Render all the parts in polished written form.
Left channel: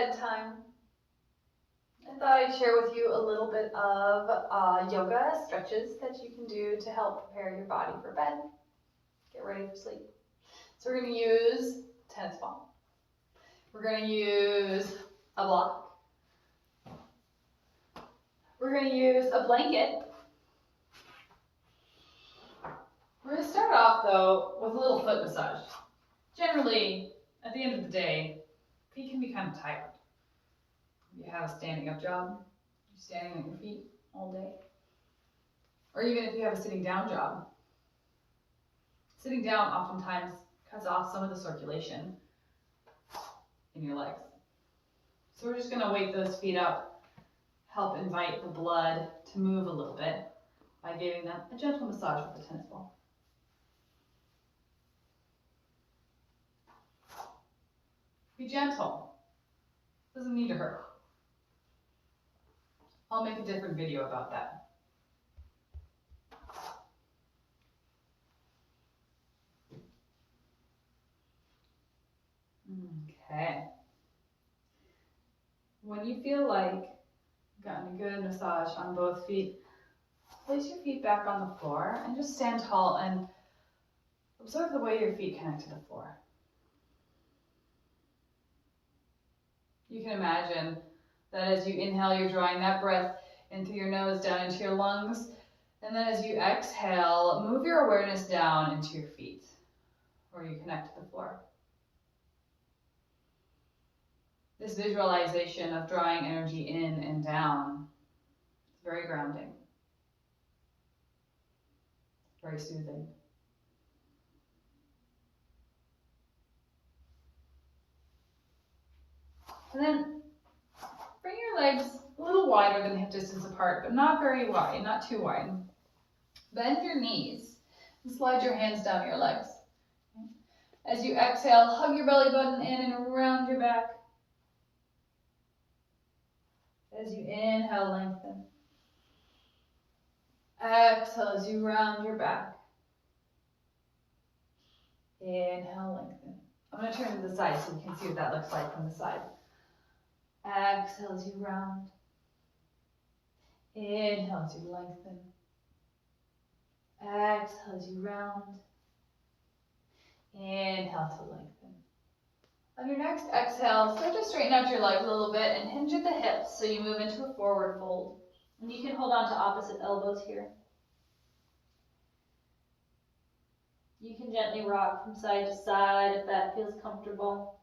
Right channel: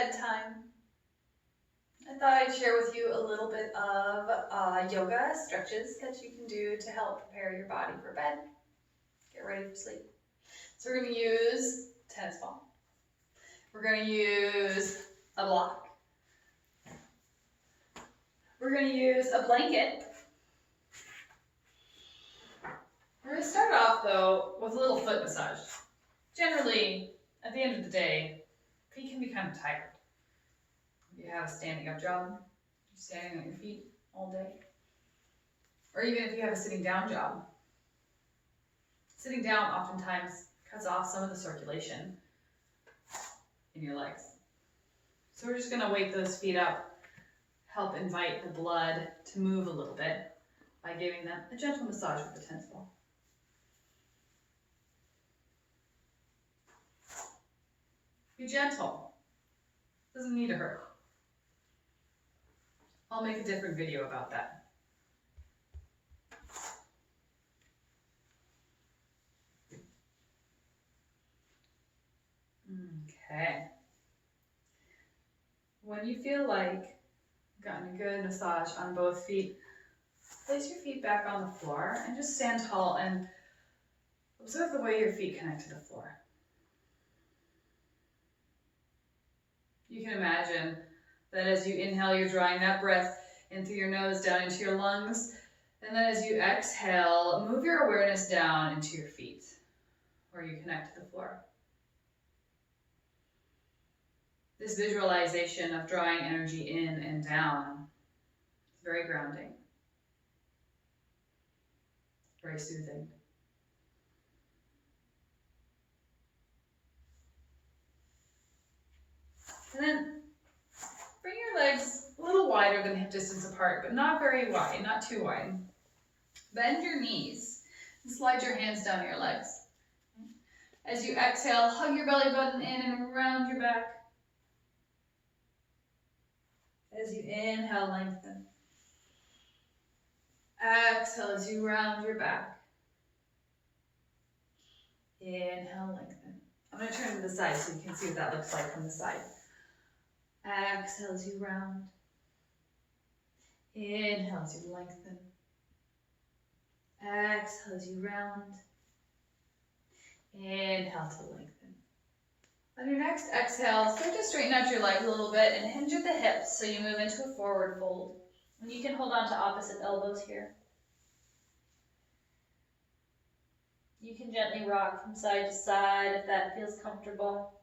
bedtime. I thought I'd share with you a little bit of yoga stretches that you can do to help prepare your body for bed. Get ready for sleep. So we're going to use tennis ball. We're going to use a block. We're going to use a blanket. We're going to start off though with a little foot massage. Generally, at the end of the day, feet can be kind of tired. If you have a standing up job, you're standing on your feet all day. Or even if you have a sitting down job. Sitting down oftentimes cuts off some of the circulation in your legs. So we're just going to wake those feet up, help invite the blood to move a little bit by giving them a gentle massage with the tennis ball. Be gentle. Doesn't need to hurt. I'll make a different video about that. Okay. When you feel like you've gotten a good massage on both feet, place your feet back on the floor and just stand tall and observe the way your feet connect to the floor. You can imagine that as you inhale, you're drawing that breath in through your nose down into your lungs. And then as you exhale, move your awareness down into your feet where you connect to the floor. This visualization of drawing energy in and down is very grounding, very soothing. And then bring your legs a little wider than hip distance apart, but not very wide, not too wide. Bend your knees and slide your hands down your legs. As you exhale, hug your belly button in and around your back. As you inhale, lengthen. Exhale as you round your back. Inhale, lengthen. I'm going to turn to the side so you can see what that looks like from the side. Exhale as you round. Inhale as you lengthen. Exhale as you round. Inhale to lengthen. On your next exhale, start to straighten out your leg a little bit and hinge at the hips so you move into a forward fold. And you can hold on to opposite elbows here. You can gently rock from side to side if that feels comfortable.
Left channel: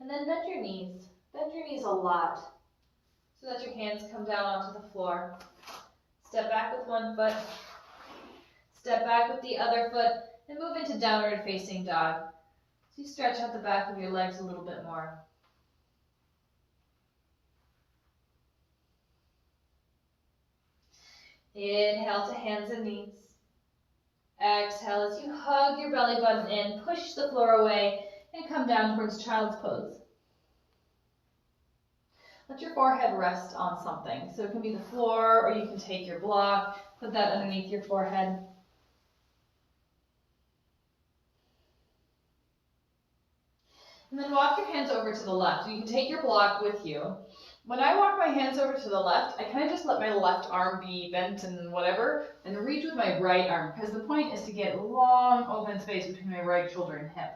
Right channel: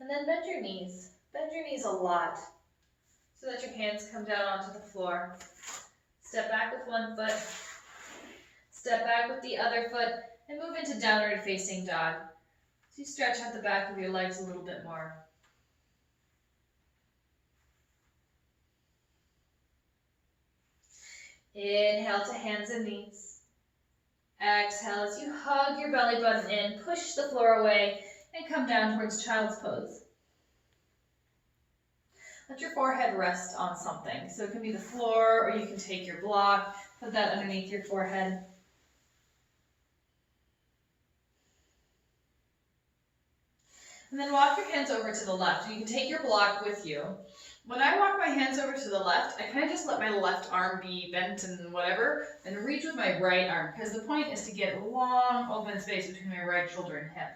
And then bend your knees. Bend your knees a lot so that your hands come down onto the floor. Step back with one foot. Step back with the other foot and move into downward facing dog. So you stretch out the back of your legs a little bit more. Inhale to hands and knees. Exhale as you hug your belly button in, push the floor away, and come down towards child's pose. Let your forehead rest on something. So it can be the floor, or you can take your block, put that underneath your forehead. And then walk your hands over to the left. You can take your block with you. When I walk my hands over to the left, I kind of just let my left arm be bent and whatever, and reach with my right arm, because the point is to get long open space between my right shoulder and hip.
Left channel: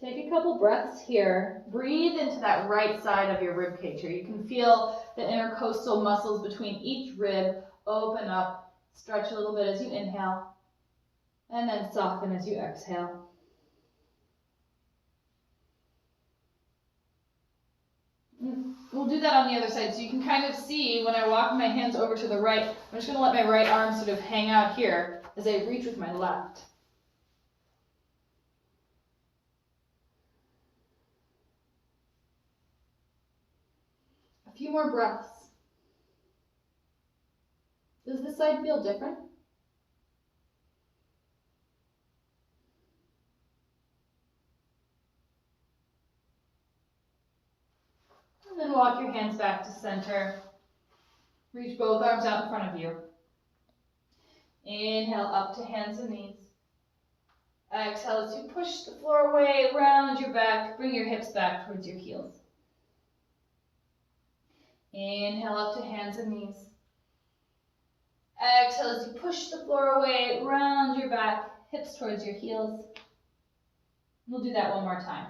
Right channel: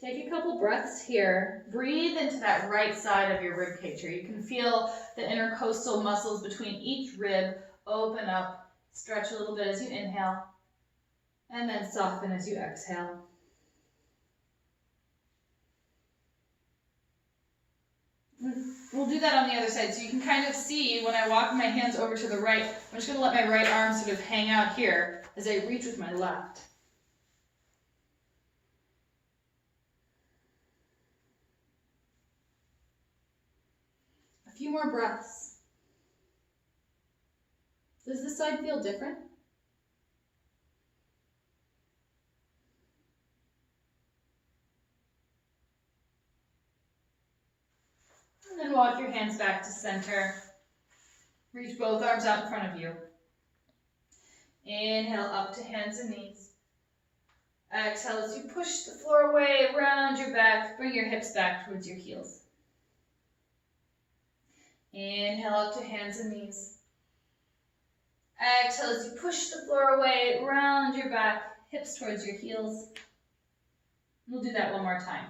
Take a couple breaths here. Breathe into that right side of your rib cage here. You can feel the intercostal muscles between each rib open up. Stretch a little bit as you inhale, and then soften as you exhale. We'll do that on the other side. So you can kind of see when I walk my hands over to the right, I'm just going to let my right arm sort of hang out here as I reach with my left. A few more breaths. Does this side feel different? And then walk your hands back to center. Reach both arms out in front of you. Inhale up to hands and knees. Exhale as you push the floor away, round your back, bring your hips back towards your heels. Inhale up to hands and knees. Exhale as you push the floor away, round your back, hips towards your heels. We'll do that one more time.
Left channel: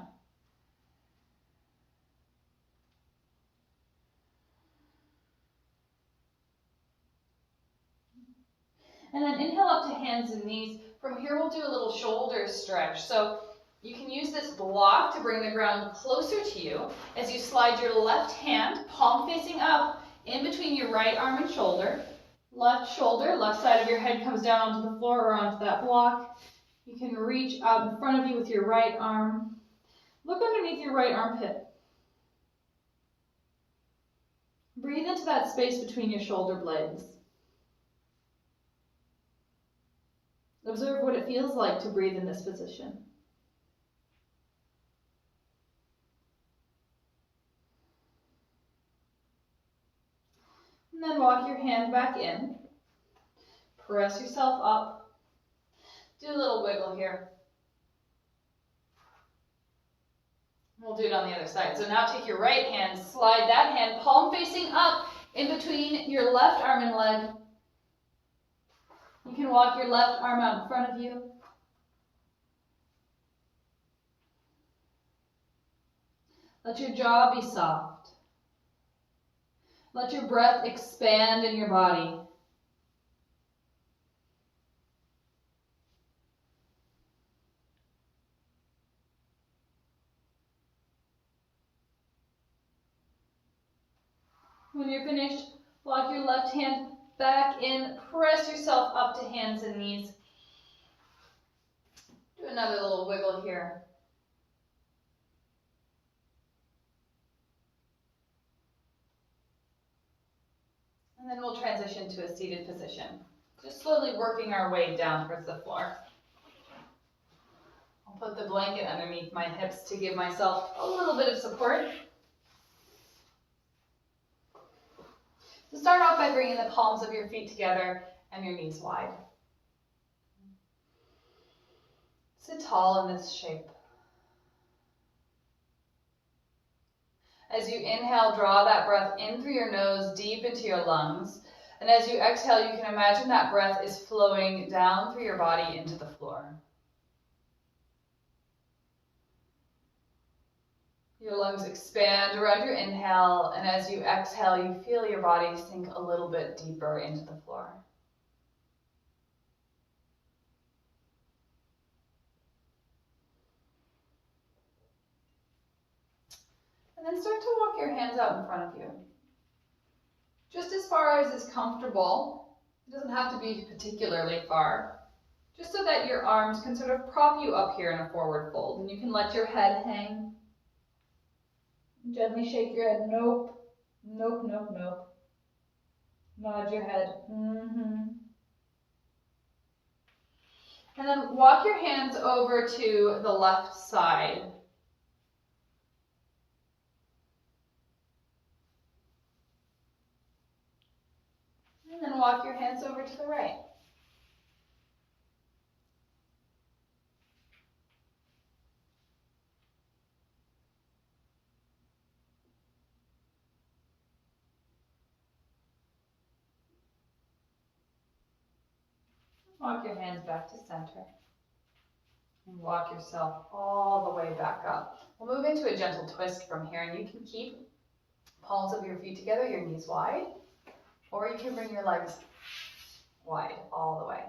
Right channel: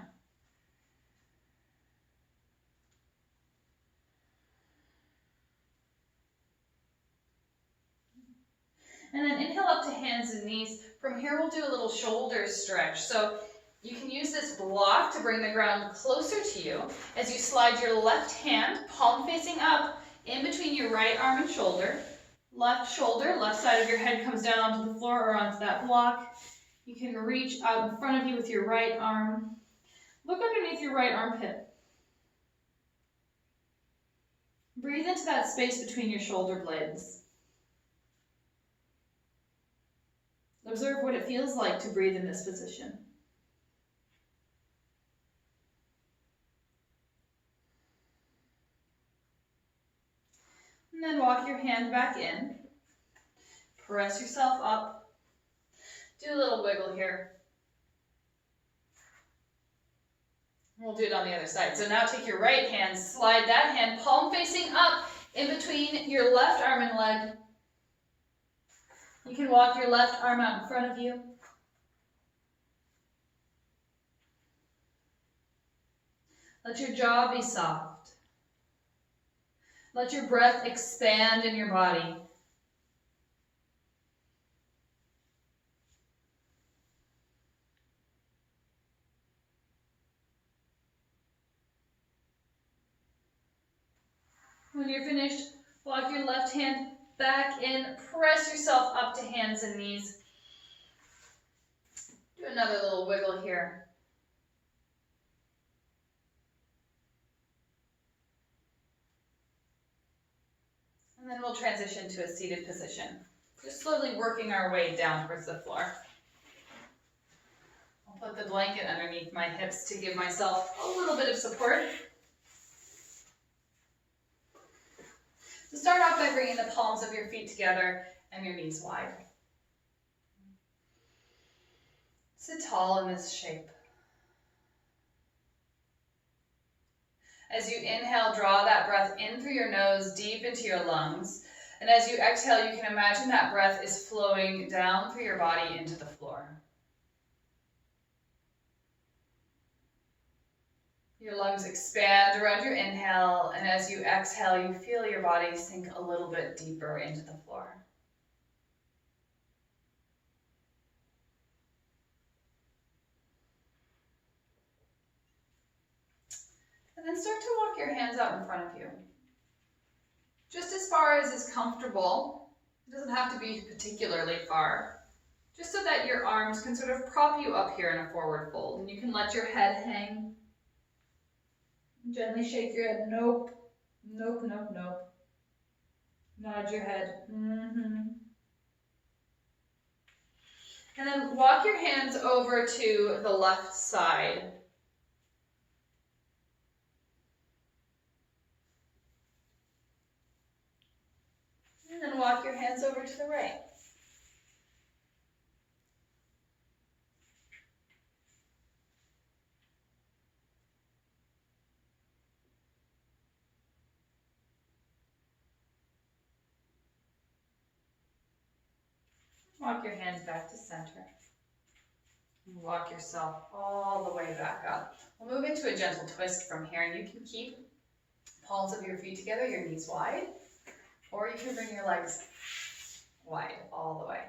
And then inhale up to hands and knees. From here, we'll do a little shoulder stretch. So you can use this block to bring the ground closer to you as you slide your left hand, palm facing up, in between your right arm and shoulder. Left shoulder, left side of your head comes down onto the floor or onto that block. You can reach out in front of you with your right arm. Look underneath your right armpit. Breathe into that space between your shoulder blades. Observe what it feels like to breathe in this position. And then walk your hand back in. Press yourself up. Do a little wiggle here. We'll do it on the other side. So now take your right hand, slide that hand, palm facing up in between your left arm and leg. You can walk your left arm out in front of you. Let your jaw be soft. Let your breath expand in your body. When you're finished, walk your left hand back in, press yourself up to hands and knees. Do another little wiggle here. And then we'll transition to a seated position. Just slowly working our way down towards the floor. I'll put the blanket underneath my hips to give myself a little bit of support. So start off by bringing the palms of your feet together and your knees wide. Sit tall in this shape. As you inhale, draw that breath in through your nose, deep into your lungs. And as you exhale, you can imagine that breath is flowing down through your body into the floor. Your lungs expand around your inhale, and as you exhale, you feel your body sink a little bit deeper into the floor. And then start to walk your hands out in front of you. Just as far as is comfortable. It doesn't have to be particularly far. Just so that your arms can sort of prop you up here in a forward fold. And you can let your head hang. Gently shake your head. Nope. Nope, nope, nope. Nod your head. And then walk your hands over to the left side. And then walk your hands over to the right. Walk your hands back to center. And walk yourself all the way back up. We'll move into a gentle twist from here, and you can keep palms of your feet together, your knees wide, or you can bring your legs wide all the way.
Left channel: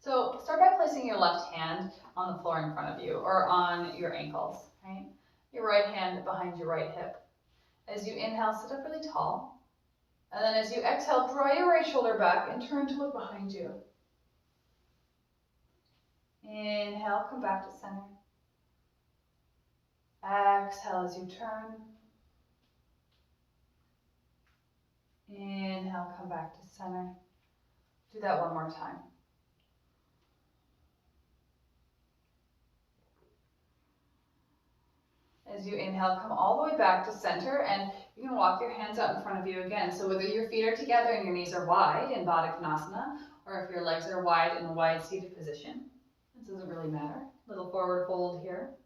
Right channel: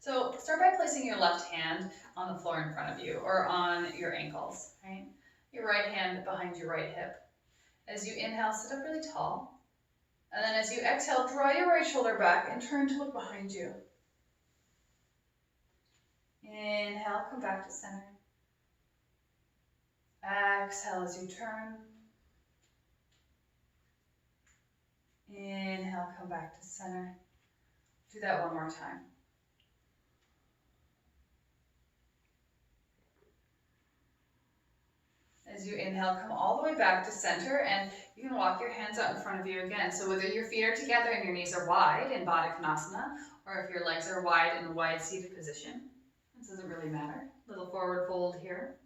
So start by placing your left hand on the floor in front of you or on your ankles, right? Your right hand behind your right hip. As you inhale, sit up really tall. And then as you exhale, draw your right shoulder back and turn to look behind you. Inhale, come back to center. Exhale as you turn. Inhale, come back to center. Do that one more time. As you inhale, come all the way back to center, and you can walk your hands out in front of you again. So whether your feet are together and your knees are wide in Baddha Konasana, or if your legs are wide in a wide seated position, this doesn't really matter. Little forward fold here.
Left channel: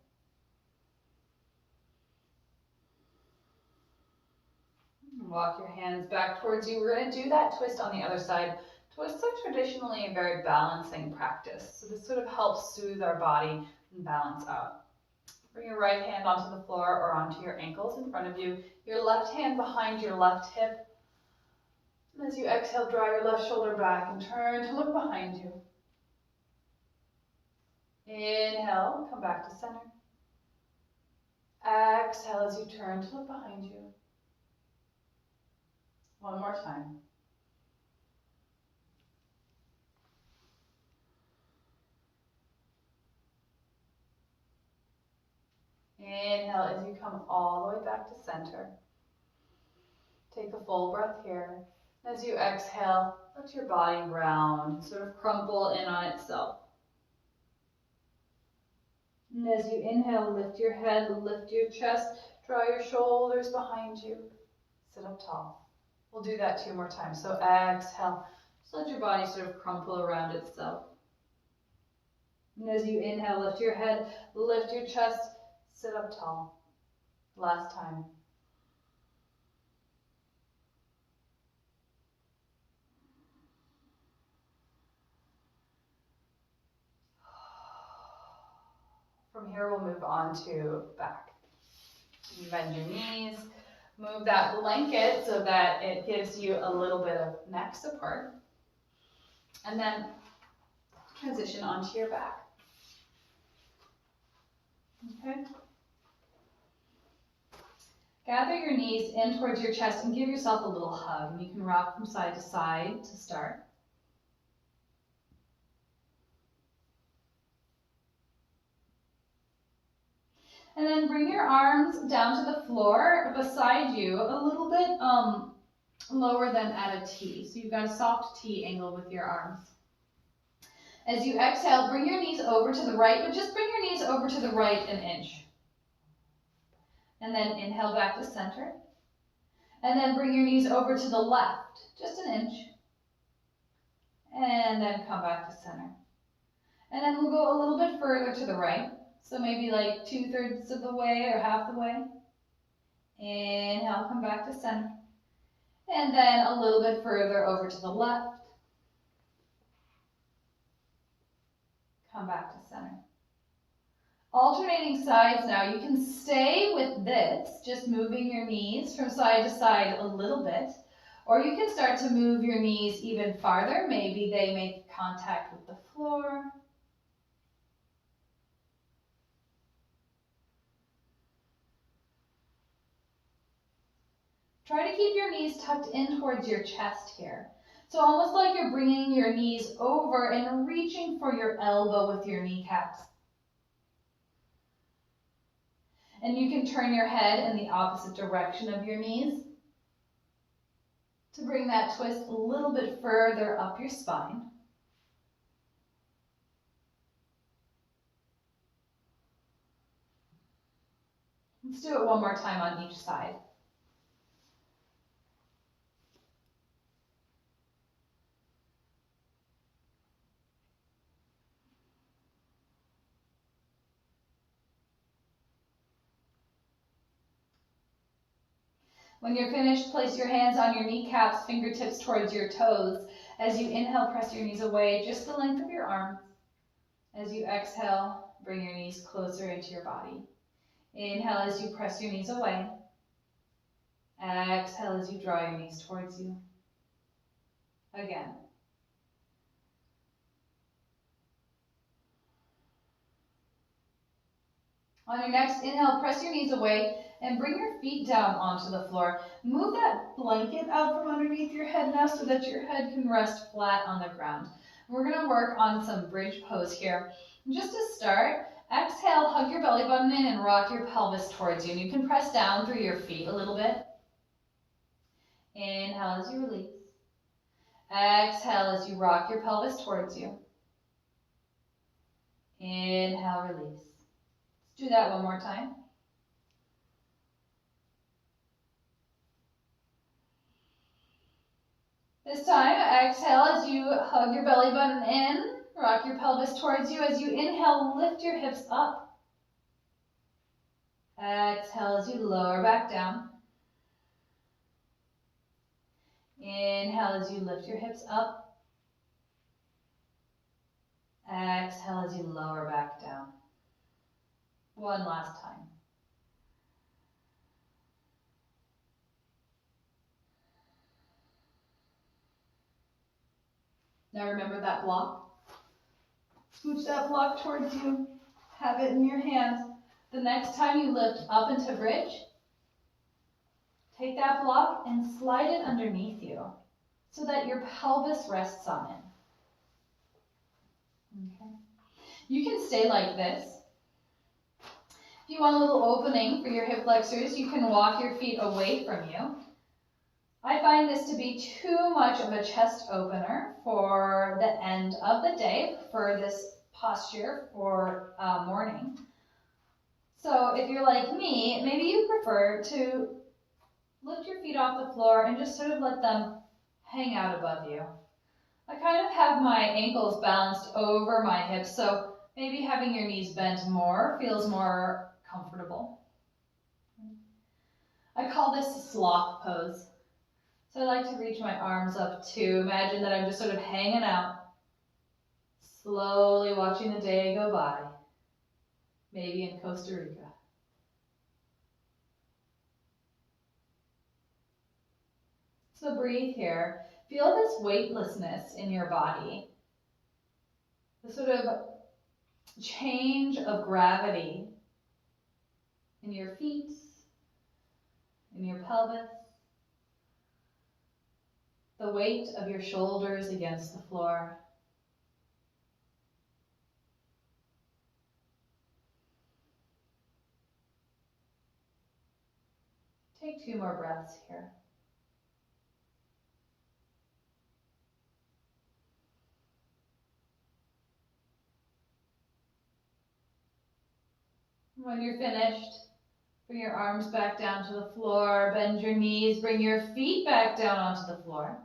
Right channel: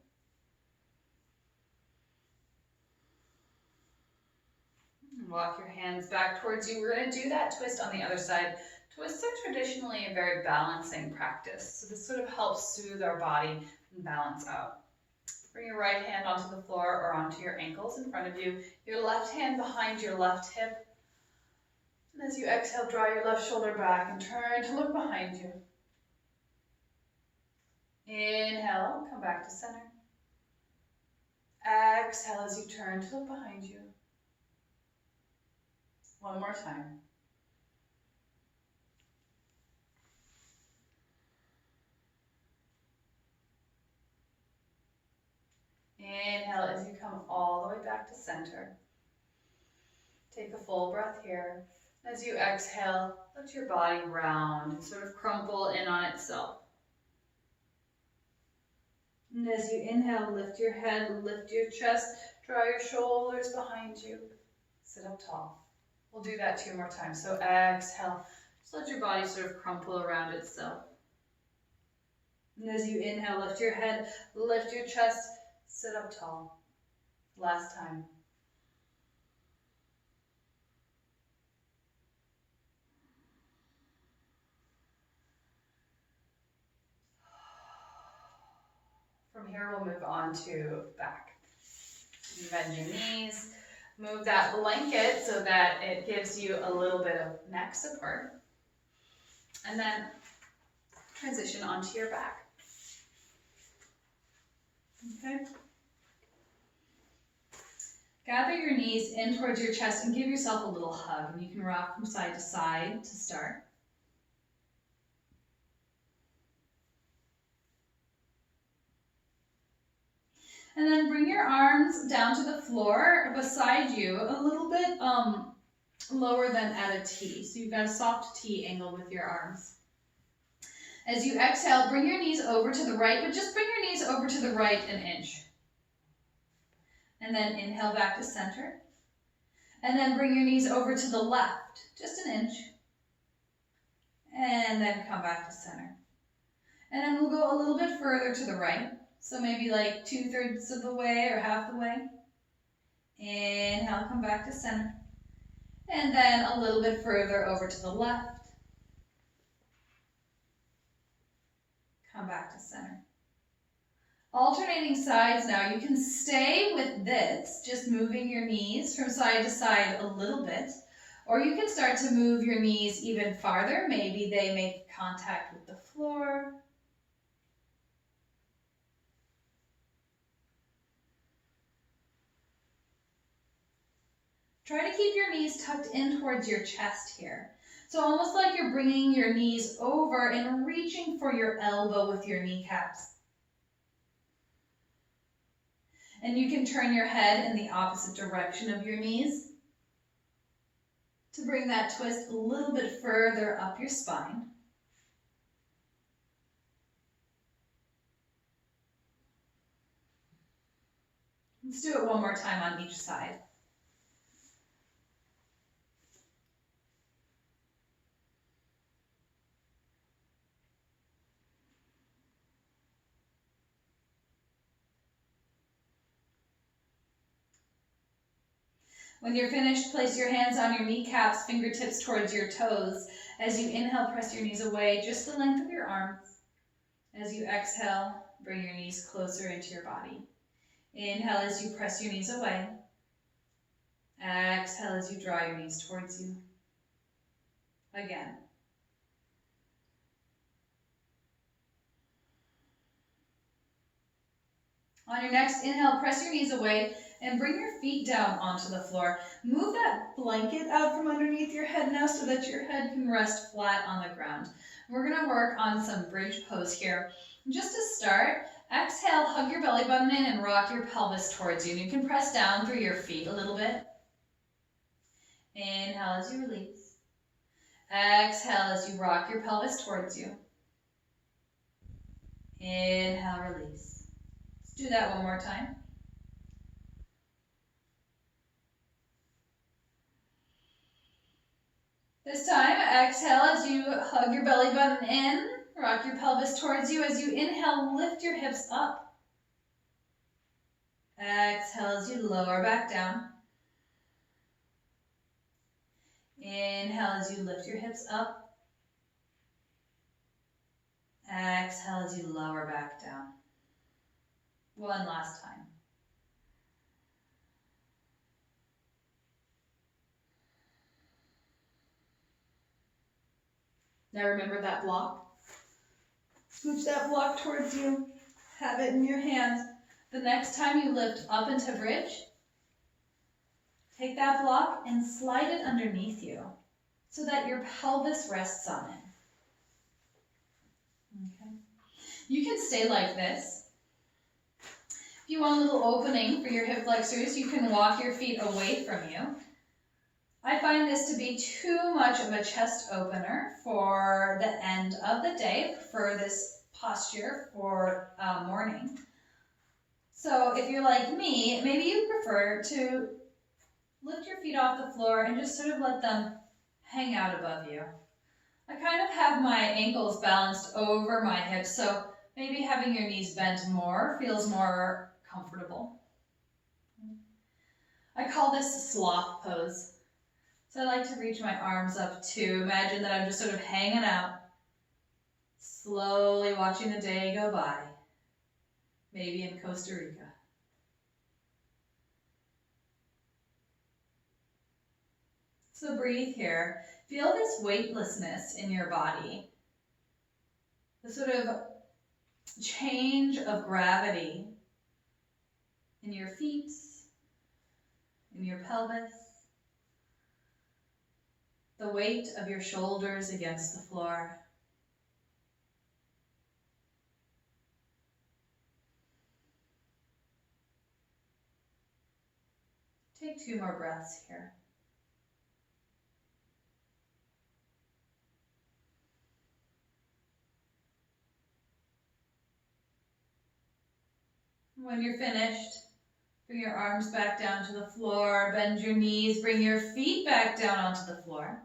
Walk your hands back towards you. We're going to do that twist on the other side. Twists are traditionally a very balancing practice. So this sort of helps soothe our body and balance out. Bring your right hand onto the floor or onto your ankles in front of you. Your left hand behind your left hip. And as you exhale, draw your left shoulder back and turn to look behind you. Inhale, come back to center. Exhale as you turn to look behind you. One more time. Inhale as you come all the way back to center. Take a full breath here. As you exhale, let your body round, sort of crumple in on itself. And as you inhale, lift your head, lift your chest, draw your shoulders behind you. Sit up tall. We'll do that 2 more times. So exhale, just let your body sort of crumple around itself. And as you inhale, lift your head, lift your chest, sit up tall. Last time. From here, we'll move on to back. You bend your knees, move that blanket so that it gives you a little bit of neck support. And then transition onto your back. Okay. Gather your knees in towards your chest and give yourself a little hug. And you can rock from side to side to start. And then bring your arms down to the floor beside you, a little bit lower than at a T. So you've got a soft T angle with your arms. As you exhale, bring your knees over to the right, but just bring your knees over to the right an inch. And then inhale back to center. And then bring your knees over to the left, just an inch. And then come back to center. And then we'll go a little bit further to the right. So maybe like 2/3 of the way or half the way. Inhale, come back to center. And then a little bit further over to the left. Come back to center. Alternating sides now. You can stay with this, just moving your knees from side to side a little bit. Or you can start to move your knees even farther. Maybe they make contact with the floor. Try to keep your knees tucked in towards your chest here. So almost like you're bringing your knees over and reaching for your elbow with your kneecaps. And you can turn your head in the opposite direction of your knees to bring that twist a little bit further up your spine. Let's do it one more time on each side. When you're finished, place your hands on your kneecaps, fingertips towards your toes. As you inhale, press your knees away, just the length of your arms. As you exhale, bring your knees closer into your body. Inhale as you press your knees away. Exhale as you draw your knees towards you. Again. On your next inhale, press your knees away and bring your feet down onto the floor. Move that blanket out from underneath your head now so that your head can rest flat on the ground. We're going to work on some bridge pose here. Just to start, exhale, hug your belly button in and rock your pelvis towards you. And you can press down through your feet a little bit. Inhale as you release. Exhale as you rock your pelvis towards you. Inhale, release. Let's do that one more time. This time, exhale as you hug your belly button in, rock your pelvis towards you. As you inhale, lift your hips up. Exhale as you lower back down. Inhale as you lift your hips up. Exhale as you lower back down. One last time. Now remember that block. Scooch that block towards you. Have it in your hands. The next time you lift up into bridge, take that block and slide it underneath you so that your pelvis rests on it. Okay. You can stay like this. If you want a little opening for your hip flexors, you can walk your feet away from you. I find this to be too much of a chest opener for the end of the day, for this posture for morning. So if you're like me, maybe you prefer to lift your feet off the floor and just sort of let them hang out above you. I kind of have my ankles balanced over my hips, so maybe having your knees bent more feels more comfortable. I call this a sloth pose. So I like to reach my arms up too. Imagine that I'm just sort of hanging out, slowly watching the day go by, maybe in Costa Rica. So breathe here. Feel this weightlessness in your body, the sort of change of gravity in your feet, in your pelvis, the weight of your shoulders against the floor. Take 2 more breaths here. When you're finished, bring your arms back down to the floor, bend your knees, bring your feet back down onto the floor.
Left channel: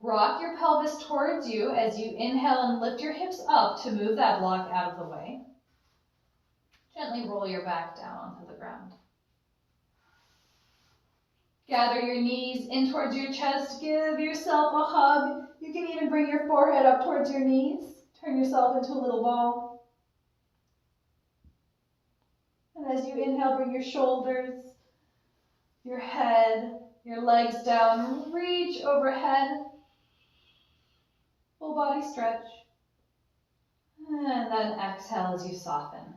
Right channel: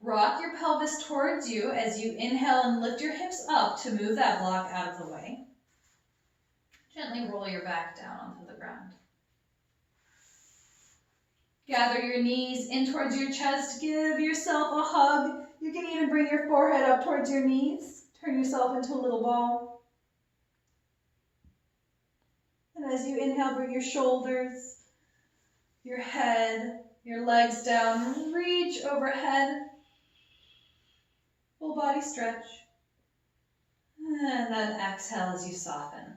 Rock your pelvis towards you as you inhale and lift your hips up to move that block out of the way. Gently roll your back down onto the ground. Gather your knees in towards your chest. Give yourself a hug. You can even bring your forehead up towards your knees. Turn yourself into a little ball. And as you inhale, bring your shoulders, your head, your legs down. Reach overhead. Full body stretch. And then exhale as you soften.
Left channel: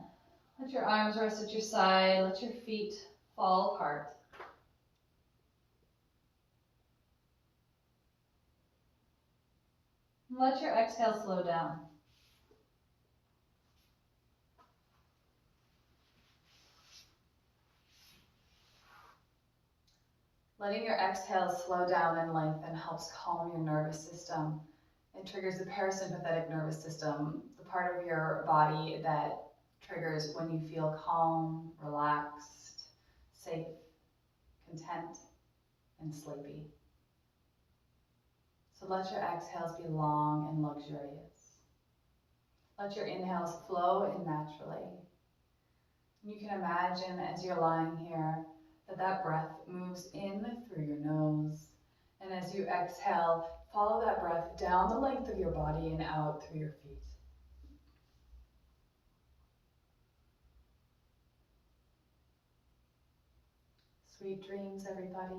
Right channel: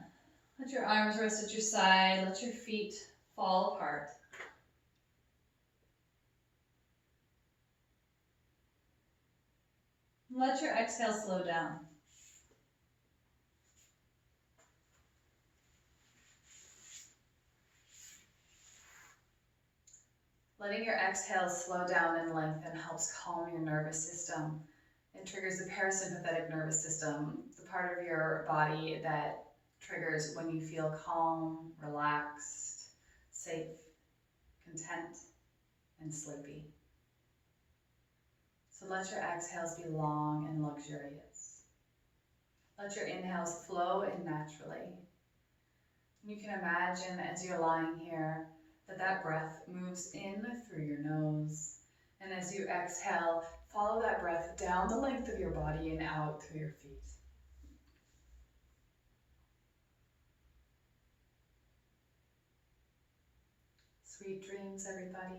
Let your arms rest at your side. Let your feet fall apart. Let your exhale slow down. Letting your exhale slow down and lengthen helps calm your nervous system. It triggers the parasympathetic nervous system, the part of your body that triggers when you feel calm, relaxed, safe, content, and sleepy. So let your exhales be long and luxurious. Let your inhales flow in naturally. You can imagine as you're lying here that breath moves in through your nose. And as you exhale, follow that breath down the length of your body and out through your feet. Sweet dreams, everybody.